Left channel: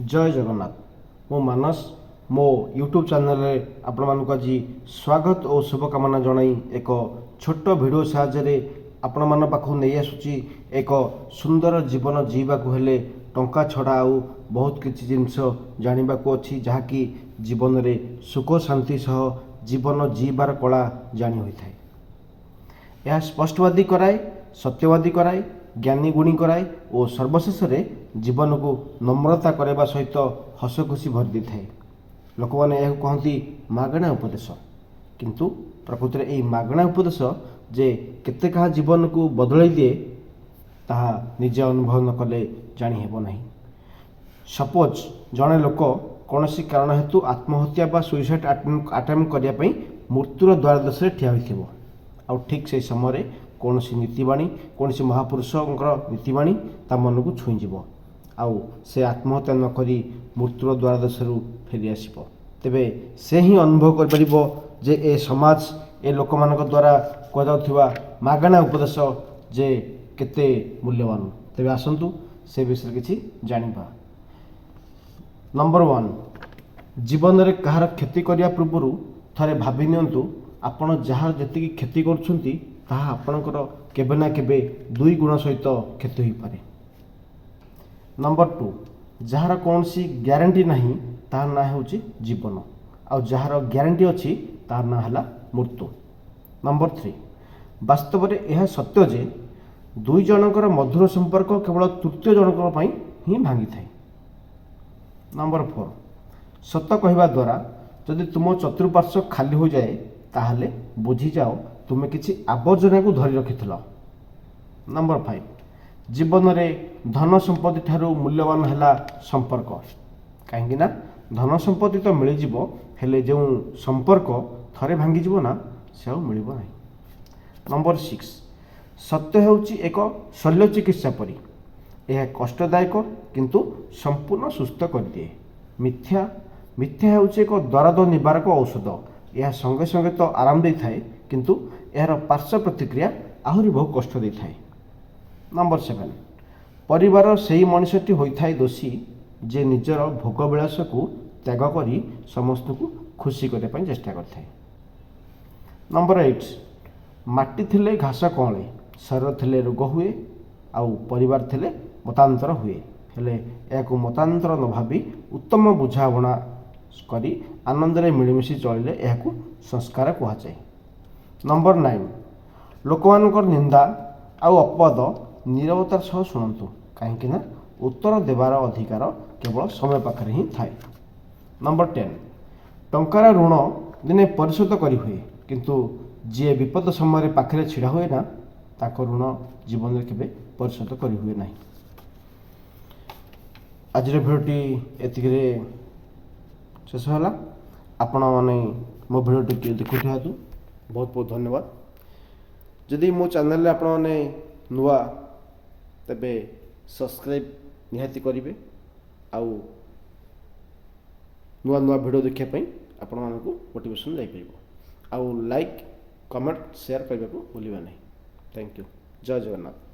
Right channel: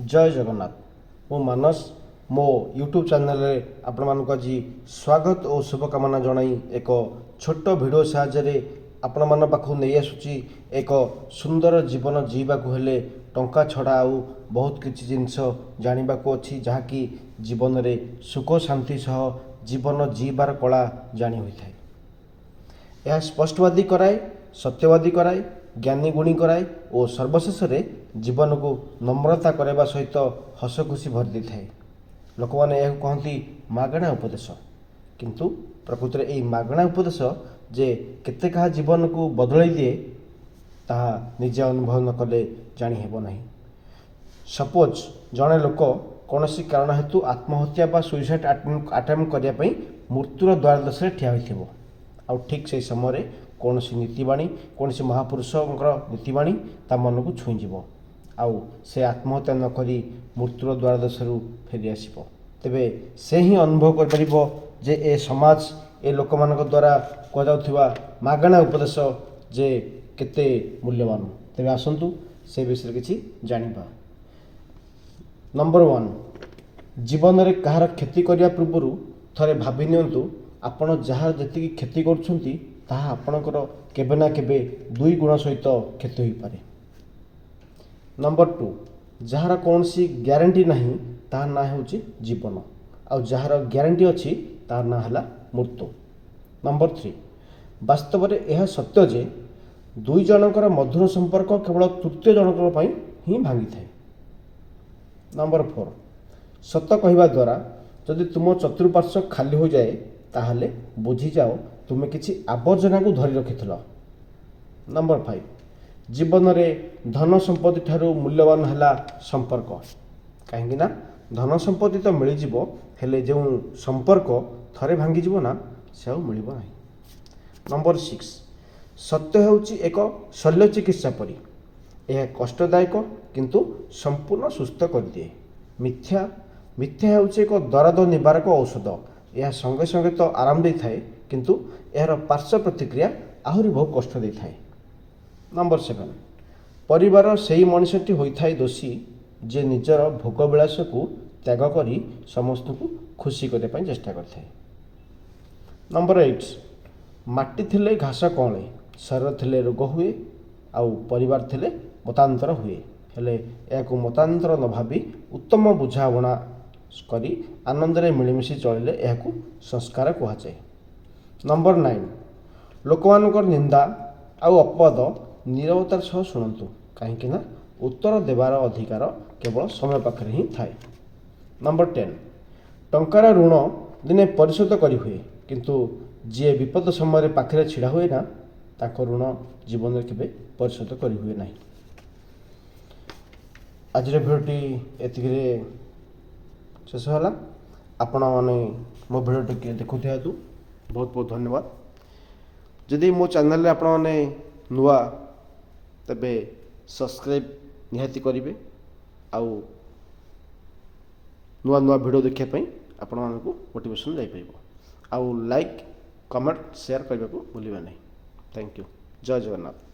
जय जगन्नाथ। मो मानस मो यूट्यूब चैनल आपण मानक आज स्वागत और शुभकामना जनाई एक छोट भिडियो साहाय्य आपण मान पाखु नहीं आसुची एक सुंदर जीवन जीवा हेले टंका छड़ा आउ बहुत किसी जिनस जाना अच्छी जहाँकि जीवन में सुख शांति सह जीवन जीवार कला जानी होता है। यह स्पष्टवादी कराए, सत्यवादी कराए, ज्ञानी गुणी कराए और सर्वशेष जीवन को नम्रता करवा सहित हस खुशी भरी थाए। लोक मैंने यह कहती मागणा उपदेश, किंतु प्रकृति में यही मागणा उपदेश जे केते कहा जीवन को बदल दिए ताहा निजे अनुभव न कले जानी हेबो नहीं। सपोज जड़े लोक कौन कारण हेतु आत्महत्या बा सुइसाइड अटेम्प्ट करने मृत्युर द्वार दशे ठिया होइथिबो आ ठीक से समय कौन नीतिवाणी कौन महापुरुषों नीतिवाणी ता मन को छुईज आउ से आत्महत्या नक मृत्युर द्वार दशरू फेरी आसब। तेबे से ही अनुभव कर जे ए समाज ए लोक मान द्वारा कहुवा मागणा उपदेश जे केते मूल्यवान। तेबे आसंतु से विषय किछि जानिबा। नंबर 1, जीवन में कहार क्षति करने पूर्व थरे भाभी नियंतु आपण जहाँ जी क्षति करुछंती ताहा आपणकर केबे ना केबे 2 गुण सहित क्षति हो पारे। नंबर 2, जार कौन सी ग्यारंटी नहीं तार ना होची जीवन आउ जार ग्यारंटी अच्छी तार ना है मृत्यु। नंबर 3, वास्तव में यह सत्य जे 2 जनकर मधुर संपर्क केवल तृतीय जनक ही भांगी थाए। नंबर 4, सत कहवा द्वारा जदि तुम चतुर्पार्श्व खाली हो जाए ताहले बुझी जाओ तुम किसी आवर्जना को धरी रखिथिल। नंबर 5, जीवन में धन संपत्ति ठारू मूल्यवान है संपर्क, कहीं धन संपत्ति तो मिल जिवो हेले जो संपर्क थरे भांगी जीवो ना से मिलिबो नाही। नंबर 6, सत्य होउची एक शल्य चिकित्सा परी, यह कष्टदायक किंतु संपूर्ण सुस्थ कर दिए। मिथ्या मिथ्या होउची एक दर्द निवारक औषध, यह संगे संगे तो आराम दे थाए किंतु यार पार्श्व प्रतिक्रिया आहरी बहुत कष्ट दे थाए। नंबर 7, परिवार से मनुष्यटी होता है दोषी जे निजर भोग विलास को त्याग करी समस्त को खुशी करने चेष्टा करता है। नंबर 8, माटी थिले घास कौले, शरीर थिले रोग हुए आउ परिवार थिले मतांतर हुए, हेले या मतांतर न भावी उत्तम बुझाबणा करी आनंद रे मिलमिशी चलिले यह संस्कार कहुए। नंबर 9, लोक मानकर निंदा आउ अपवाद नीरवतार सह शुणु, कहीं उत्तर देवार अधिकार केवल समय पाखे ही थाए। नंबर 10, टंकार ऋण दिने परिशोध करी हुए किंतु जी विपद समय पाखे छिड़ा हुए ना ताको ऋण जीवन में केवे परिशोध करी हुए नहीं। आज भिडियोटी एतिक शेष है। आपण मैंने मो भिडियोटी देखुवा बहुत बहुत धन्यवाद। जदि मो चैनल आपण मैंने नुआ तेबे सब्सक्राइब निहाती करेंगे आउ नुआ नुआ भिडियो देखापी आपण मानक मोटिवेशन जापर आउ लाइक कमेंट शेयर करने को भूलिबा नहीं। Thank you. जय जगन्नाथ।